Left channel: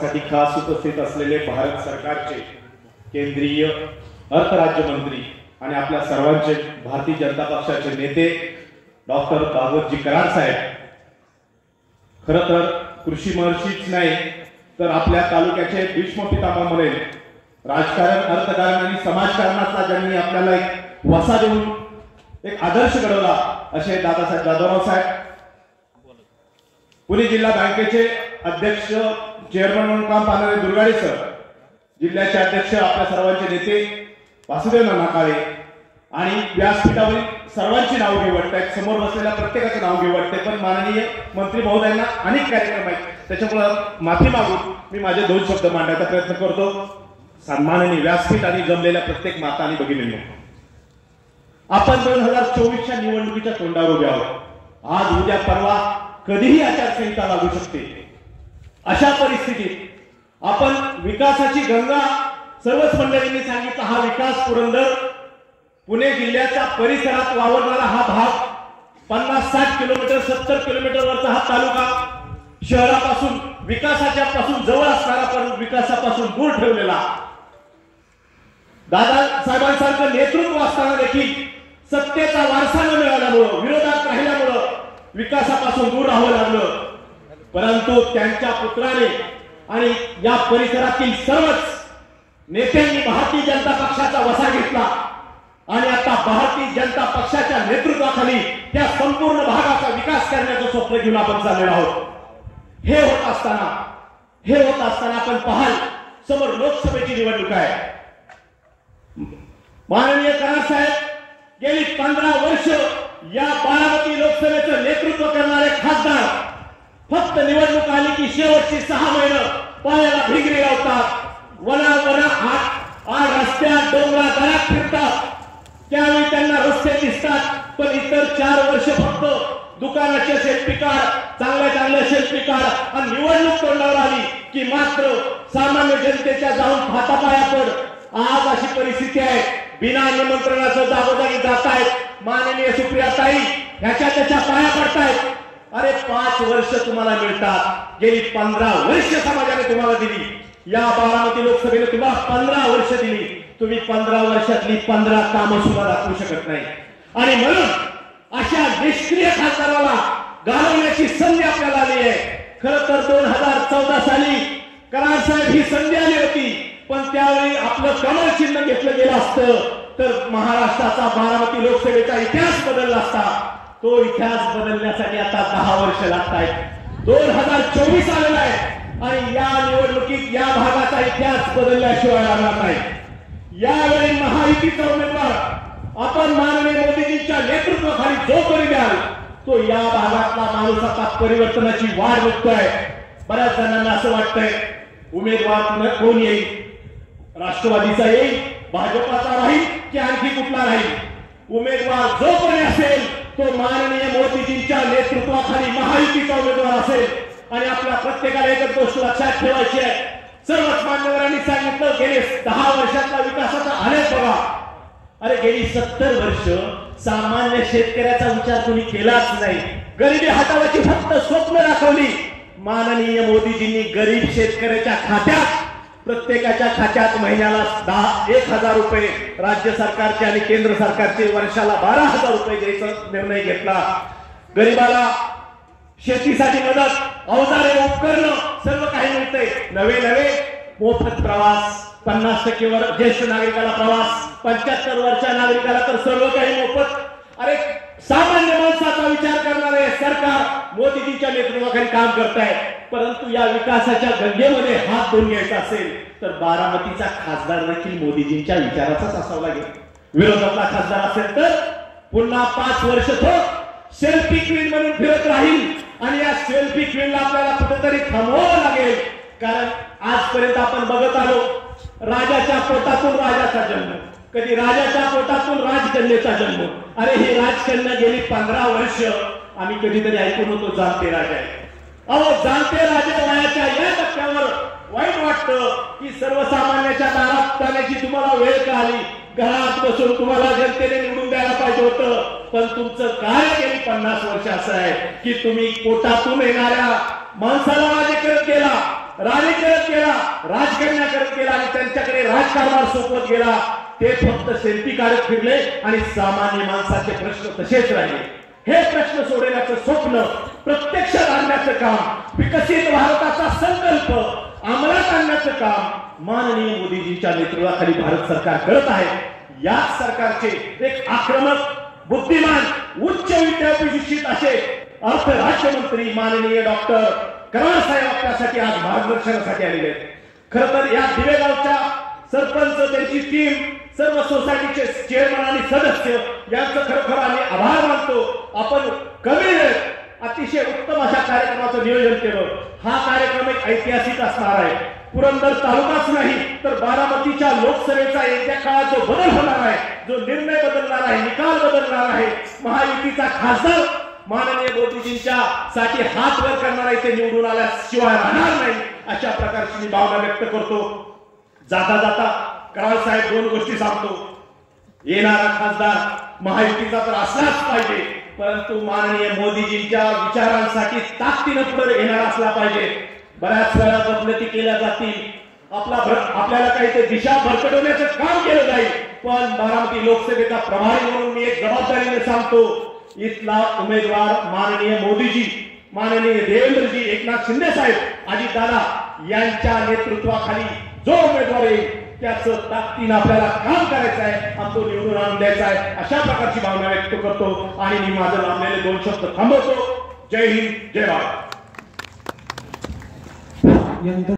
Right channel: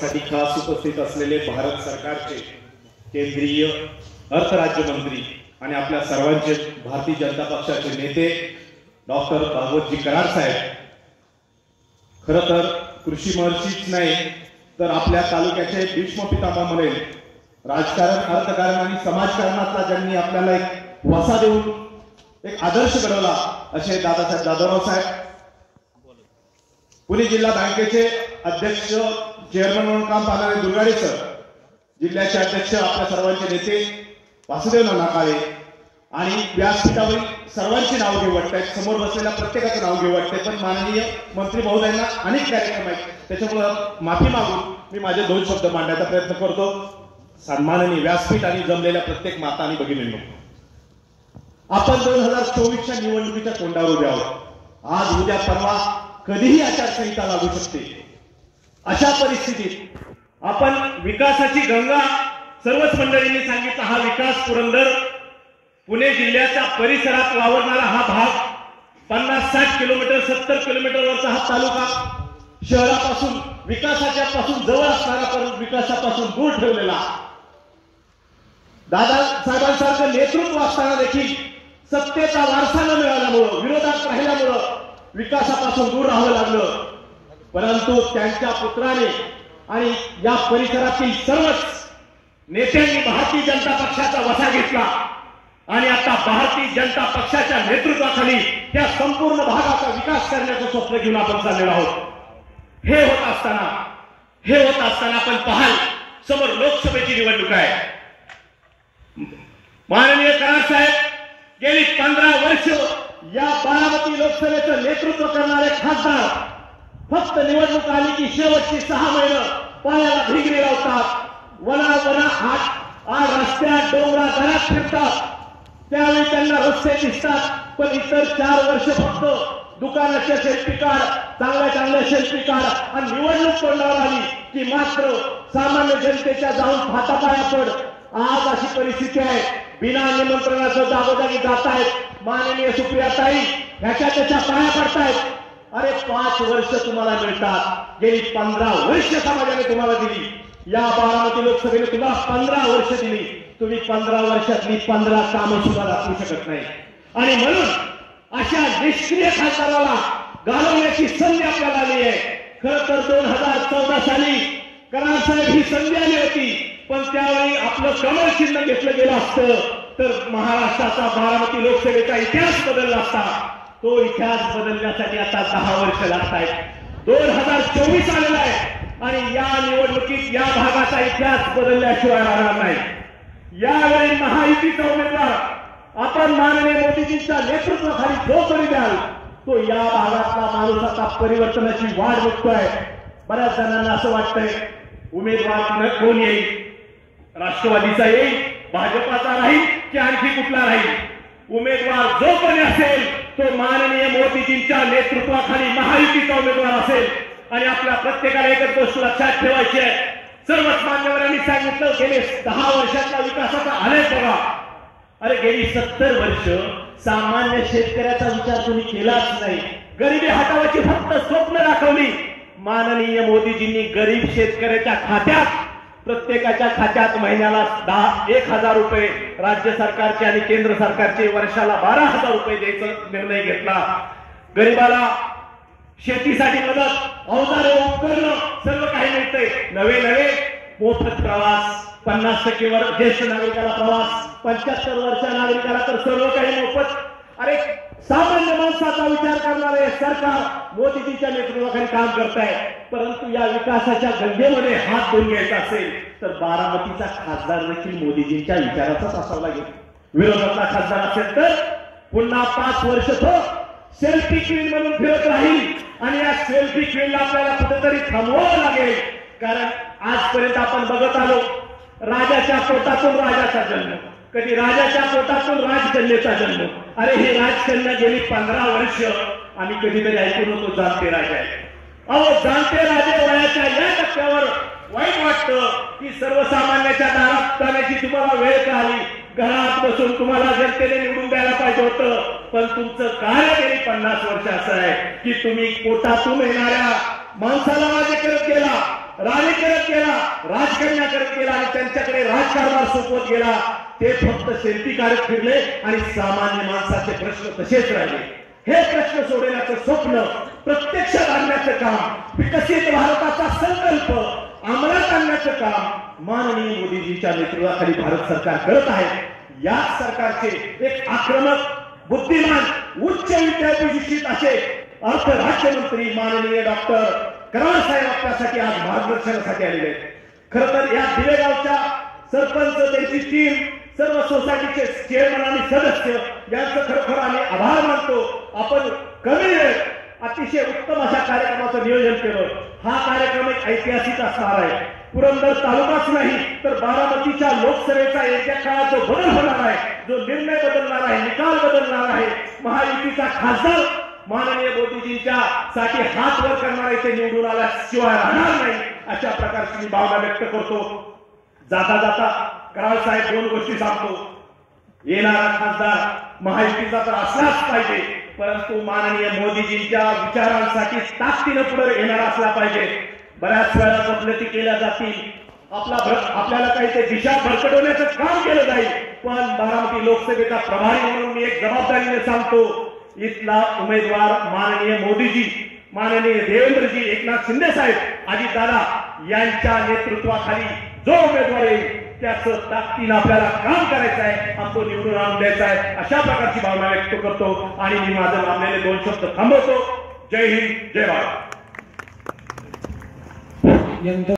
साठी खास उपस्थित असलेले भारत सरकारचे केंद्रीय अर्थ राज्यमंत्री आणि आपल्या सर्वांचे भारतीय जनता पक्षाचे नेते डॉक्टर भागवतजी कराड साहेब, खरं तर कृषी महर्षीच नाही तर आपल्या तालुक्याचे भीष्म पितामह म्हणेल, राजकारण, अर्थकारण आणि समाजकारणातला ज्यांनी आपल्याला एक वसा देऊन एक आदर्श घडवला असे दादासाहेब जाधवराव साहेब, पुणे जिल्हा बँकेचे अध्यक्ष चेअरमन म्हणून काम पाहणारे दुर्गाडे सर, जिल्ह्याचे अध्यक्ष आपल्या सर्वांचे नेते वासुदेव नाकाळे आणि व्यासपीठावरील सर्वांची नाव घेऊ वाटतात, समोर बसलेल्या प्रत्येकाचे नाव घेऊ वाटते, पण माननीय मंत्री महोदयांना अनेक कार्यक्रम आहेत त्याच्यामुळे माफी मागून मी माझे 2 शब्द मांडण्याचा प्रयत्न करतो. सन्माननीय व्यासपीठ आणि जमलेल्या प्रत्येक माता आणि भगिनींनो, आपण 2024च्या निवडणुकीच्या तोंडावर उभे आहोत. आज उद्या परवा कधीही आचारसंहिता लागू शकते. अशा परिस्थितीत आपण विकासाची गंगा, सर्वच मंडळींनी सांगितलं, हा विकास पुरंदर पुणे जिल्ह्याचा परिसरात वावरणारा हा भाग 50-60 किलोमीटर 70 किलोमीटरवरचा हा तालुका शहरापासून विकासाच्या पासून जवळ असणारा पण विकासापासून दूर ठेवलेला, दादासाहेबांसारखं नेतृत्व असताना देखील सत्तेचा वारसा न मिळाल्यामुळं, विरोधात राहिल्यामुळं विकासापासून दूर राहावं लागलं. परंतु त्यांच्या पुत्राने आणि या परिसरातील सर्वच नेत्यांनी भारतीय जनता पक्षाचा वसा घेतला आणि आता भारतीय जनता पक्षाच्या नेतृत्वाखाली त्या संपूर्ण भागाचा विकास करण्याचं स्वप्न घेऊन आपण चाललेलो आहोत. हे होत असताना आपण पाहाल, समोर लोकसभेची निवडणूक आहे. माननीय कराड साहेब गेली 15 वर्ष या बारामती लोकसभेचं नेतृत्व करणारे खासदार फक्त निवडणूक आली की शेवटची 6 महिने पायाला भिंगरी लावतात, आड रस्त्यात डोंगरात दऱ्यात फिरतात. त्यावेळी त्यांना रस्ते दिसतात, पण इतर 4 वर्ष फक्त दुकानाचे सेल्फी काढ, चांगल्या सेल्फी काढ, आणि निवडणूक तोंडावर आली की मात्र सामान्य जनतेच्या जाऊन हातापाया पड. आज अशी परिस्थिती आहे, बिना निमंत्रणाचं जागोजागी जात आहेत. माननीय सुप्रियाताई ह्याच्या त्याच्या पाया पडतायत. अरे 5 वर्ष तुम्हाला मिळतात, गेली 15 वर्ष समाजाने तुम्हाला दिली. या बारामती लोकसभेने तुम्हाला 15 वर्ष दिली. तुम्ही 15 वर्षातली 15 कामं सुद्धा दाखवू शकत नाही. आणि म्हणून अशा निष्क्रिय खासदाराला घालवण्याची संधी आपल्याला आली आहे. खरं तर 2014 साली कराड साहेब ही संधी आली होती, पण त्यावेळी आपलं कमळ चिन्ह घेतलं गेलं असतं तर महाराष्ट्राचा बारामती लोकसभेचा इतिहास बदलला असता. तो इतिहास बदलण्यासाठी आता 10 वर्ष लागत आहेत. 2024 आलेला आहे आणि या निवडणुकीत या भागाचा इतिहास बदलल्याशिवाय राहणार नाही. यावेळी महायुतीचा उमेदवार आपण माननीय मोदीजींच्या नेतृत्वाखाली जो करी द्याल तो या भागातला माणूस आता परिवर्तनाची वाट बघतोय. बऱ्याच जणांना असं वाटतंय उमेदवार कोण येईल, राष्ट्रवादीचा येईल, भाजपाचा राहील की आणखी कुठला राहील. उमेदवार जो कोणी असेल तो माननीय मोदीजींच्या नेतृत्वाखाली महायुतीचा उमेदवार असेल. आणि आपल्या प्रत्येकाला एकच गोष्ट लक्षात ठेवायची आहे, सर्वच मान्यवरांनी सांगितलं गेले 10 वर्षाचा विकासाचा आलेख बघा. अरे गेली 70 वर्ष सामान्य शेतकऱ्याचा विचार कोणी केलाच नाही. गरिबी हटवायची फक्त स्वप्न दाखवली. माननीय मोदीजींनी गरीब शेतकऱ्याच्या खात्यात, प्रत्येकाच्या खात्यात महिन्याला 1,000 रुपये, राज्य सरकारचे आणि केंद्र सरकारचे वर्षाला 12,000 रुपये द्यायचा निर्णय घेतला. गरिबाला शेतीसाठी मदत, अवजारे, उपकरणं सर्व काही मिळतंय. नवे मोफत प्रवास, 50% वर ज्येष्ठ नागरिकाला प्रवास, 75 वर्षाच्या नागरिकाला तर सर्व काही मोफत. अरे सामान्य माणसाचा विचार करणारे सरकार मोदीजींच्या नेतृत्वाखाली काम करत आहे. परंतु या विकासाच्या गंगेमध्ये हात धुवून घ्यायचा असेल तर बारामतीचा खासदार देखील मोदीजींच्या विचाराचाच असावा लागेल. विरोधातला खासदार असेल तर पुन्हा 5 वर्ष तो सेल्फी क्वीन म्हणून फिरत राहील. आणि या सेल्फी क्वीनला आपल्याला कुठेतरी थांबवावं लागेल. कारण आजपर्यंत आपण बघत आलो, राजाच्या पोटातून राजाचा जन्म, कधी राजाच्या पोटातून राजकन्येचा जन्म. अरे ही राजकन्या गेली 15 वर्ष आम्ही कधीतरी ऐकून होतो जाणते राजा आहे. अहो जाणते राजे वयाच्या या टप्प्यावर वाईट वाटतं की सर्वसामान्याच्या दारात जाण्याची तुम्हाला वेळ का आली. घरात बसून तुम्हाला जनतेने निवडून द्यायला पाहिजे होतं, पण तुमचं कार्य गेली 50 वर्ष असं आहे की तुम्ही पोटातून येणाऱ्या माणसाला राजे करत गेला. राणी करत गेला, राजकन्या करत गेला आणि त्यांच्याकडे राजकारभार सोपवत गेला. ते फक्त सेल्फी काढत फिरले आणि सामान्य माणसाचे प्रश्न तसेच राहिले. हे प्रश्न सोडवण्याचं स्वप्न प्रत्यक्षात आणण्याचं काम, विकसित भारताचा संकल्प अंमलात आणण्याचं काम माननीय मोदीजींच्या नेतृत्वाखाली भारत सरकार करत आहे. याच सरकारचे एक आक्रमक, बुद्धिमान, उच्च विद्यापीठित असे अर्थ राज्यमंत्री माननीय डॉक्टर कराड साहेब आपल्यासाठी आज मार्गदर्शनासाठी आलेले आहेत. खरं तर या दिवेगावच्या सरपंच, त्यांची टीम, सर्व सोसायटीचे चेअरमन आणि सदस्य यांचं खरोखर आम्ही आभार मानतो. आपण कमी वेळेत अतिशय उत्तम अशा कार्यक्रमाचं नियोजन केलं. हा कार्यक्रम एक ऐतिहासिक असणार आहे. पुरंदर तालुकाच नाही तर बारामतीच्या लोकसभेचा येत्या काळात जो बदल होणार आहे, जो निर्णय बदलणार आहे, निकाल बदलणार आहे, महायुतीचा खासदार माननीय मोदीजींच्या साठी हात वर करणार इथे निवडून आल्याशिवाय राहणार नाही, अशा प्रकारची मी भावना व्यक्त करतो. जाता जाता कराड साहेब दोन गोष्टी सांगतो. येणारा खासदार महायुतीचा तर असलाच पाहिजे, परंतु माननीय मोदीजींच्या विचारांसाठी ताकदीने पुढे येणारा असला पाहिजे. बऱ्याच वेळा गफलती केल्या जातील, आपल्याला काही ते दिशा भरकटवण्याचं काम केलं जाईल, पण बारामती लोकसभेचा प्रभारी म्हणून मी एक जबाबदारीने सांगतो, इथला उमेदवार माननीय मोदीजी, माननीय देवेंद्रजी, एकनाथ शिंदे साहेब, अजितदादा यांच्या नेतृत्वाखाली जो उमेदवार येईल त्याचं ताकदीनं आपल्याला काम करायचं आहे आणि तो निवडून आणून द्यायचा आहे, अशा प्रकारची भावना व्यक्त करतो आणि मी माझं लांबलेले दोन शब्द थांबवतो. जय हिंद, जय भारत.